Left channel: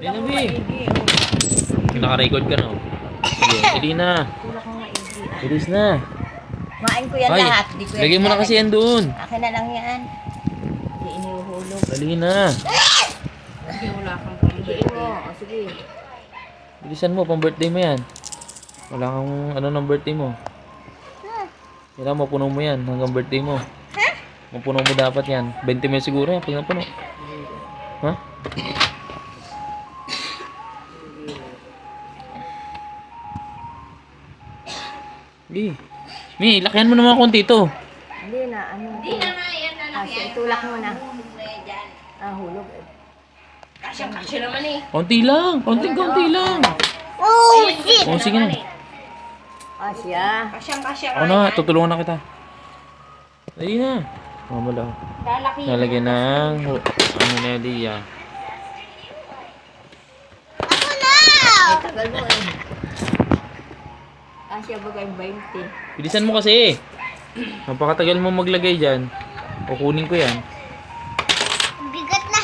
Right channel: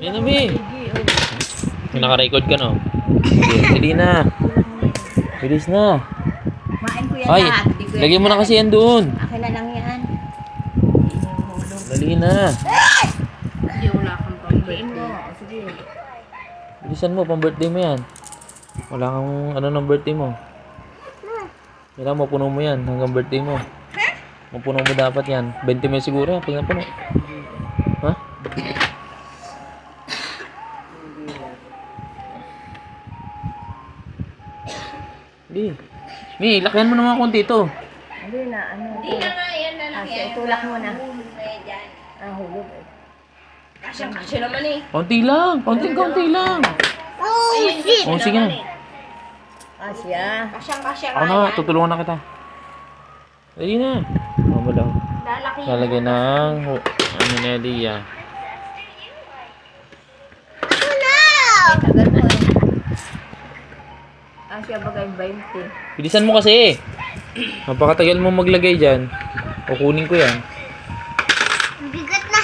Yan na, Bi. Naka-record ka, no? Dali na. Bilis na. Kumain ko yan Ay, lahat. Di ko yan lagay mo na kasi yan doon. Akin na lang yan. Hindi inuhulog. Dali na. Kasi wala kang pang-birthday. O, sige. Bilisan mo, pang-birthday mo yan. Wala kang ano ng birthday mo. Kailangan mapuno mo yan hanggang birthday mo. Mapuno mo dapat yan. 20 mil siguro yan pag napuno. Ha? Bi. Bi, lakihan mo naman konti ito. Hindi na, ano. Hindi naman yan lalaki. Itulak mo na. Dyan. Hulog. Kasyang-kasya naman eh. Konti lang. Konti lang. Oh, Oh, sige na. Asya. Kasyang-kasya Ako na, tutulungan na kita. Dali na. Mamalaw. Lalaki. Lalagyan ng ano na Elia. Tagal mo eh. Asya bagay 20. Bilisan mo kasi. Napakatagal mo maglagay dyan. Kukunin ko yan. Bigat na.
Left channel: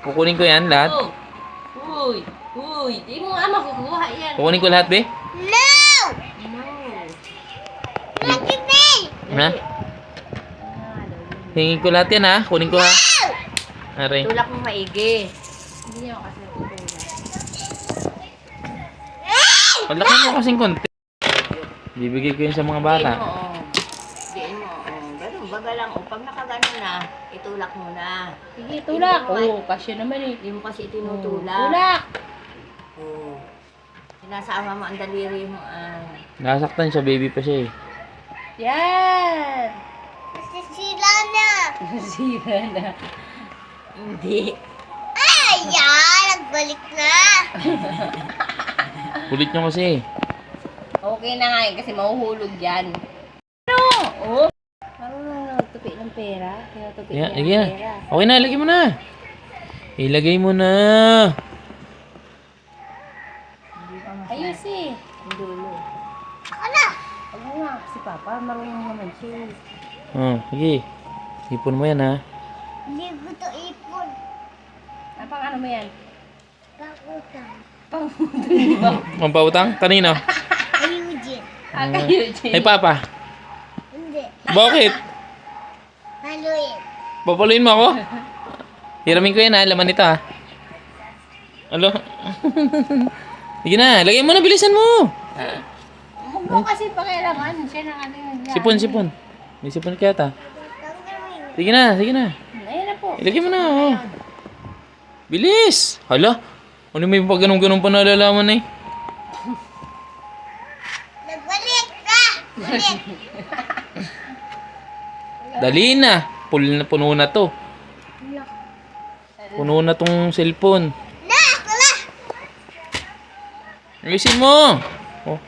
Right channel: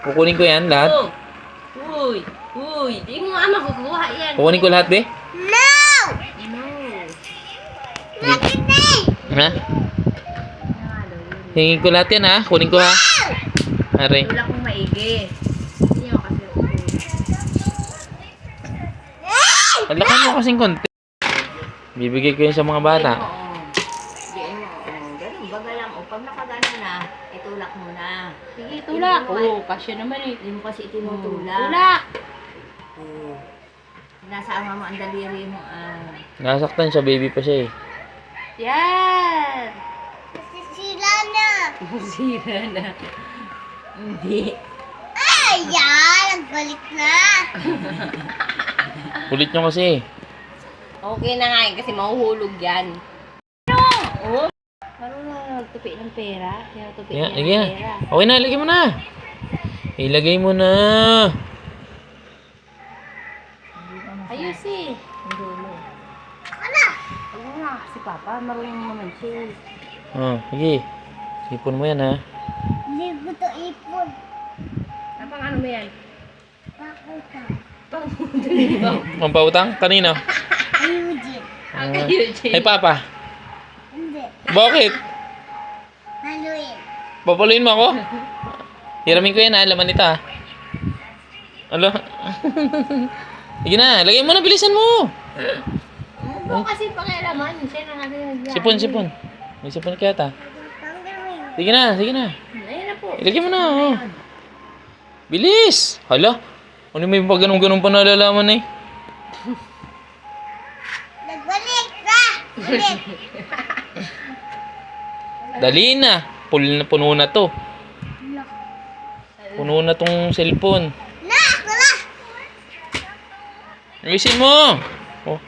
Kukunin ko yan lahat. Oh. Uy. Uy. Di mo nga makukuha yan. Kukunin ko lahat, be. No! No. Laki na! Ha? Hingin ko lahat yan, ha? Kunin ko, ha? Aray. Tulak mong maigi. Hindi ako kasi utulak. Palakan mo kasing konti. Bibigay ko yun sa mga bata. Diyan mo. Ganun, baga lang. O, pag nakagano na, itulak mo na. Sige, tulak. Oo, kasya naman eh. Hindi mo kasi tinutulak. Tulak. Oo. Sinasama mo ang daliri mo. Nasaktan siya, baby pa siya, eh. Yan. Sila na. Sira na. Hindi. Ay, yan. Nagbalik na. Kulit nyo kasi. Okay na nga yun kasi mahuhulog yan. Ano? Oh. Marunong tupi ng pera. Kaya tupi Yeah, niya ng yeah. pera. Okay na, ilagay mo na. Ilagay mo na. Ayos eh. Hindi mo. Ano nga si Papa, marunong naman siya. Oh, sige. Ipon mo yan, ha? Hindi ko to ipon. Napang ano mo yan? Pakutang. Pampautang? Kanino? Ayun din. Ah, kayo, Jay. Ay, Papa. Hindi. Bakit? Haluin. Papaluin mo ako? Hiramin ko yan, ha? Laman ito, ha? Alo? Sige na, lagay mo na, bilisan mo. Huwag mo kasi pakialaman. Siya na nga yung Sipon. May sipon kaya ta. Sige na. Ayun na po. Ilagay mo na, oh. Bilis! Hala, ano may pag ganun pa nalalaman, eh? Nagbalik ka! Balik! Dali na. Puno na to. Puno na tong cellphone. Na! Ako na! Ayusin mo! Oh.